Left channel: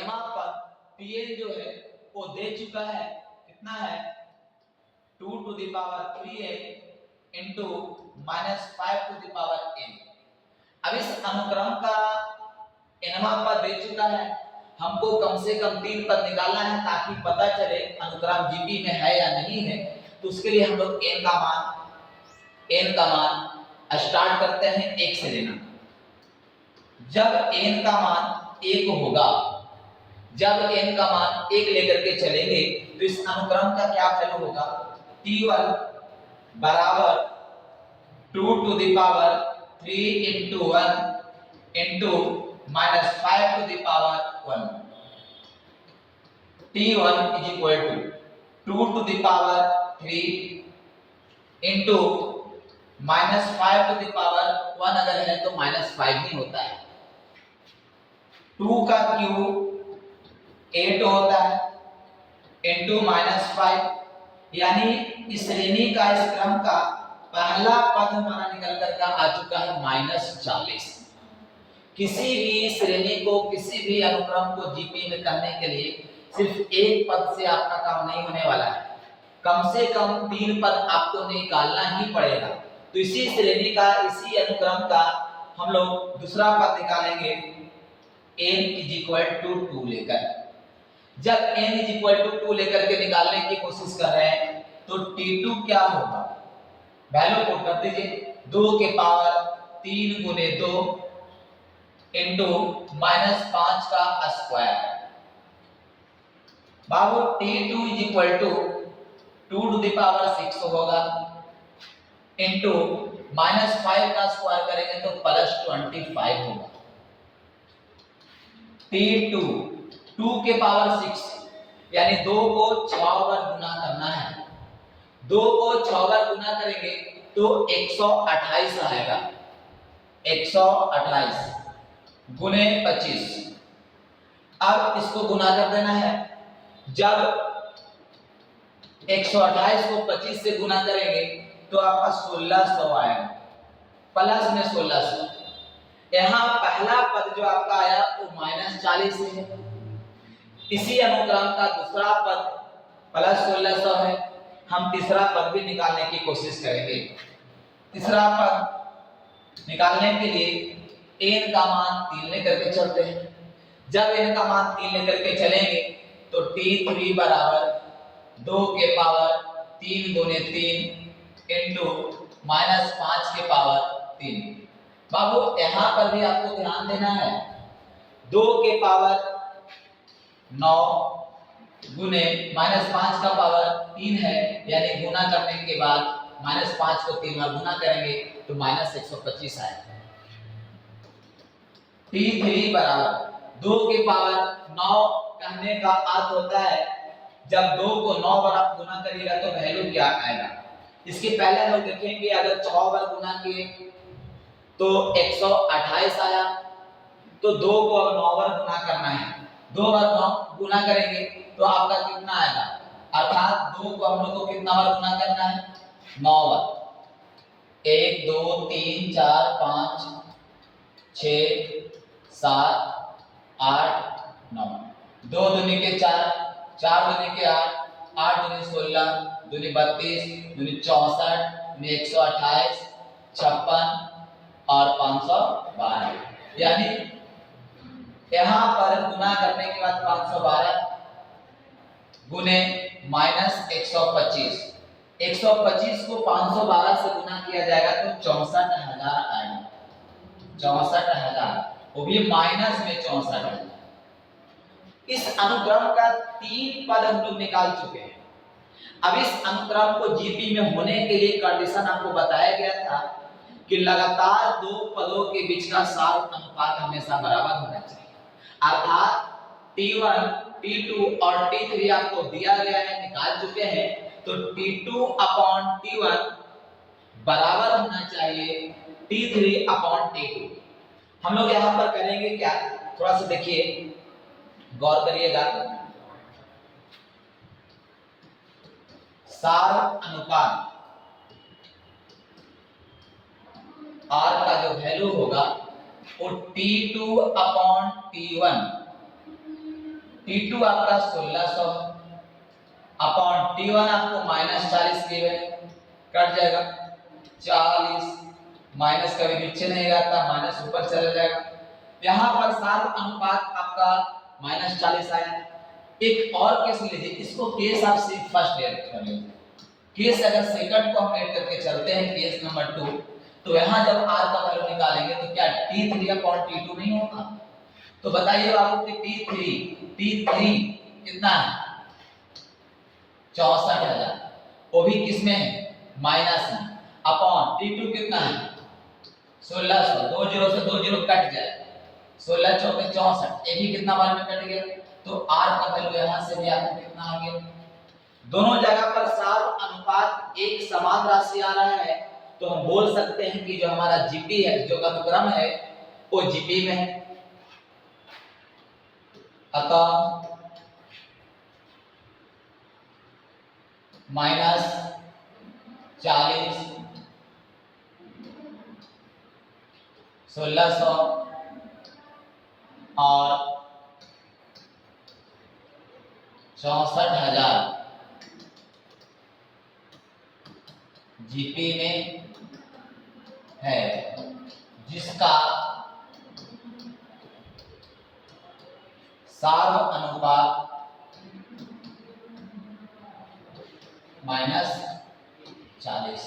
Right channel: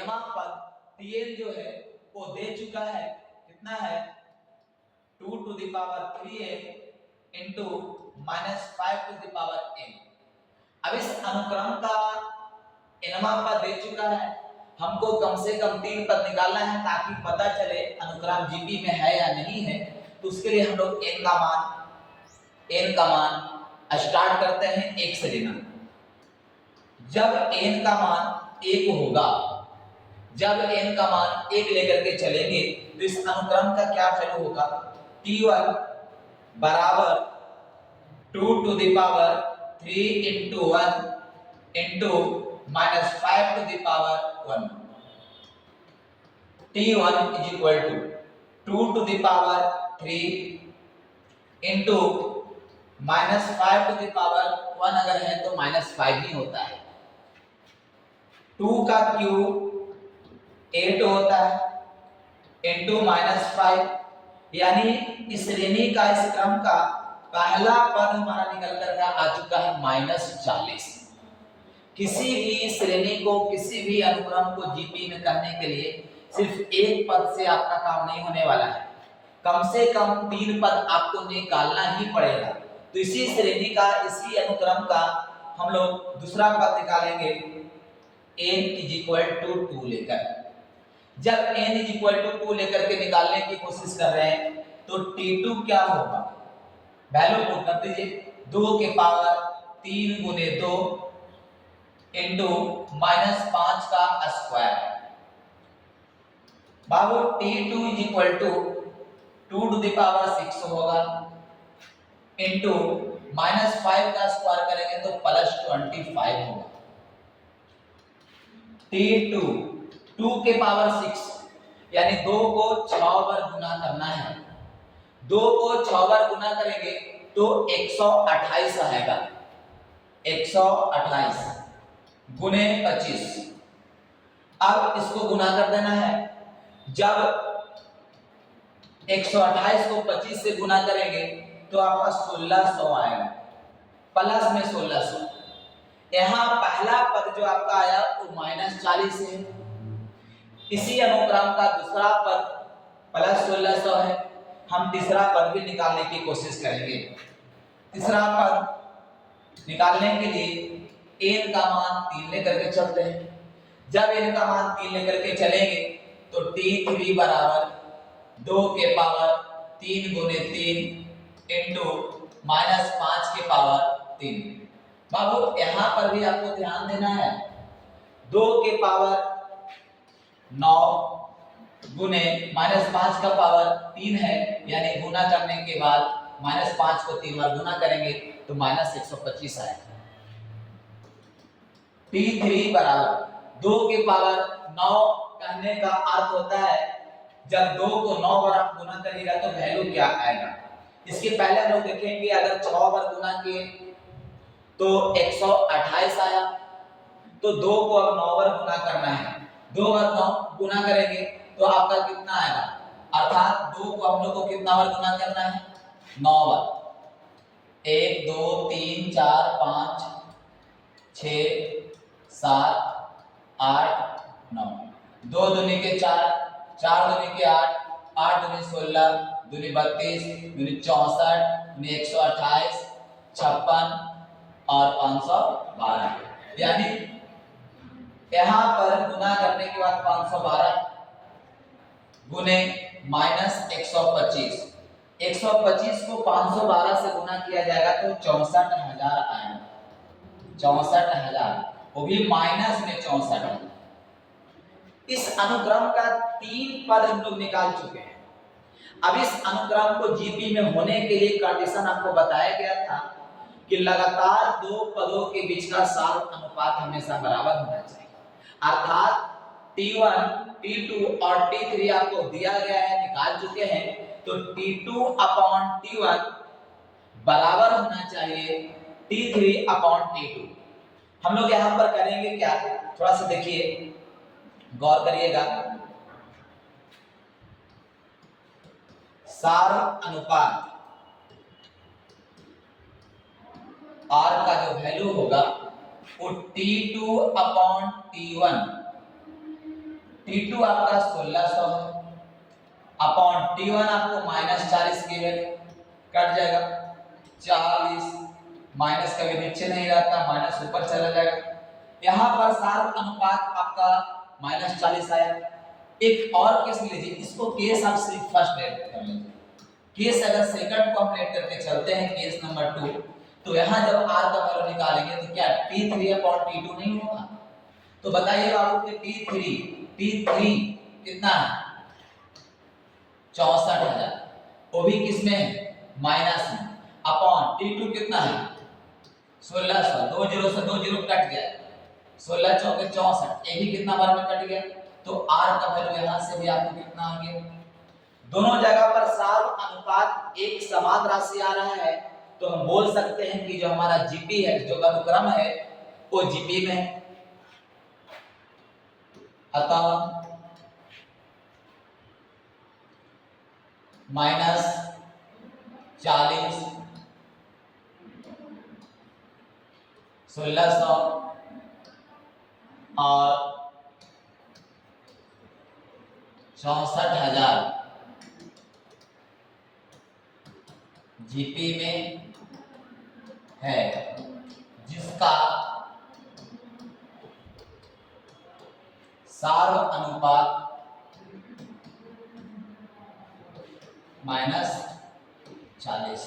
यहाँ पर Pn जो है वो दे चुका है, कितना है 2 to the power 3n into -5 to the power n। अब इस अनुक्रम का nवां पद दे चुका है, हमको कम से कम 3 पद निकालना है ताकि पता चले अनुक्रम जीपी में है या नहीं है। तो उसके लिए हम लोग n का मान स्टार्ट करते हैं 1 से लेना। जब n का मान 1 होगा, जब n का मान 1 लेकर के चलेंगे तो इस अनुक्रम का क्या वैल्यू होगा, t1 बराबर 2 to the power 3 into 1 into -5 to the power 1। t1 is equal to 2 to the power 3 into -5 to the power 1 अगर है तो -5 ही होता है। 2 का क्यूब 8 होता है इंटू -5, यानी इस श्रेणी का, इस क्रम का पहला पद हमारा निकल कर आ चुका है -40। किसी भी श्रेणी को, किसी भी अनुक्रम को जीपी में करने के लिए सिर्फ एक पद से आपका काम नहीं होने वाला है, कम से कम 3 पद आपको निकालना ही पड़ेगा। तो इसी श्रेणी का, इसी अनुक्रम का हम लोग दूसरा पद निकालेंगे n is equal to 2 लेकर। जब n is equal to 2 लेकर के निकालने की कोशिश कर रहे हैं तो t2 क्या होगा, वैल्यू पुट कर दीजिए 2 के पावर 3 गुने 2 इंटू -5 का square. Babu t2 is equal to 2 to the power 6 होगा इंटू -5 का स्क्वायर करेंगे तो +25 होगा। t2 2 के पावर 6 यानी 2 को 6 बार गुना करना है। 2 को 6 बार गुना करेंगे तो 128 आएगा। 128 गुने 25। अब इसको गुना कर देना है। जब 128 को 25 से गुना करेंगे तो आपका 1600 आएगा, प्लस में 1600। यहाँ पहला पद जो आपका आया वो -40 है, इसी अनुक्रम का दूसरा पद +1600 है। हम तीसरा पद भी निकालने की कोशिश करेंगे। तीसरा पद निकालने के लिए n का मान 3 लेकर के चलते हैं। जब n का मान 3 लेकर के चलेंगे तो t3 बराबर 2 के पावर 3 गुने 3 इंटू -5 के पावर 3। बाबू यहाँ पर भी आपको ध्यान देना है, 2 के पावर 9 गुने -5 का पावर 3 है, यानी गुना करने के बाद -5 को 3 बार गुना करेंगे तो -125 आएगा। t3 बराबर 2 के पावर 9 कहने का अर्थ होता है जब 2 को 9 बार आप गुना करिएगा तो वैल्यू क्या आएगा। इसके पहले हम लोग देखेंगे अगर 6 बार गुना किए तो 128 आया, तो 2 को अब 9 बार गुना करना है। 2 बार 9 गुना करेंगे तो आपका कितना आएगा, अर्थात 2 को हम लोग को कितना बार गुना करना है, 9 बार। 1 2 3 4 5 6 7 8 9, 2 दूनी के 4, 4 दूनी के 8, 8 दूनी 16, दूनी 32, दूनी 64, दूनी 128, 56 और 512, यानी यहाँ पर गुना करने के बाद 512 गुने -125, 125 को 512 से गुना किया जाएगा तो 64,000 आएगा। 64,000, वो भी माइनस में 64,000। इस अनुक्रम का 3 पद हम लोग निकाल चुके हैं। अब इस अनुक्रम को जीपी में होने के लिए कंडीशन आपको बताया गया था कि लगातार 2 पदों के बीच का सार अनुपात हमेशा बराबर होना चाहिए, अर्थात t1, t2 और t3 आपको दिया गया है, निकाल चुके हैं। तो t2/t1 बराबर होना चाहिए t3/t2। हम लोग यहाँ पर करेंगे क्या, थोड़ा सा देखिए, गौर करिएगा। सार अनुपात R का जो वैल्यू होगा वो t2/t1 T2 आपका 1600 अपॉन T1 आपको -40 गिवन, कट जाएगा 40, माइनस कभी नीचे नहीं रहता, माइनस ऊपर चला जाएगा। यहाँ पर सार्व अनुपात आपका -40 आया। एक और केस लीजिए, इसको केस आप सिर्फ फर्स्ट लेट कर लीजिए। केस अगर सेकंड को हम लेट करके चलते हैं, केस नंबर 2, तो यहाँ जब r का वैल्यू निकालेंगे तो क्या T3 अपॉन T2 नहीं होगा? तो बताइए बाबू कि T3 कितना है? 64,000, वो भी किसमें है? माइनस में, अपॉन T2 कितना है? 1600, 2 जीरो से 2 जीरो कट जाए, 16 चौके 64, ये भी कितना बार में कट गया, तो r का वैल्यू यहाँ से भी आपको कितना आ गया? दोनों जगह पर सार्व अनुपात एक समान राशि आ रहा है, तो हम बोल सकते हैं कि जो हमारा जीपी है, जो अनुक्रम है, वो जीपी में है। अतः -40, 1600 और 64,000 जीपी में है, जिसका सार्व अनुपात -40।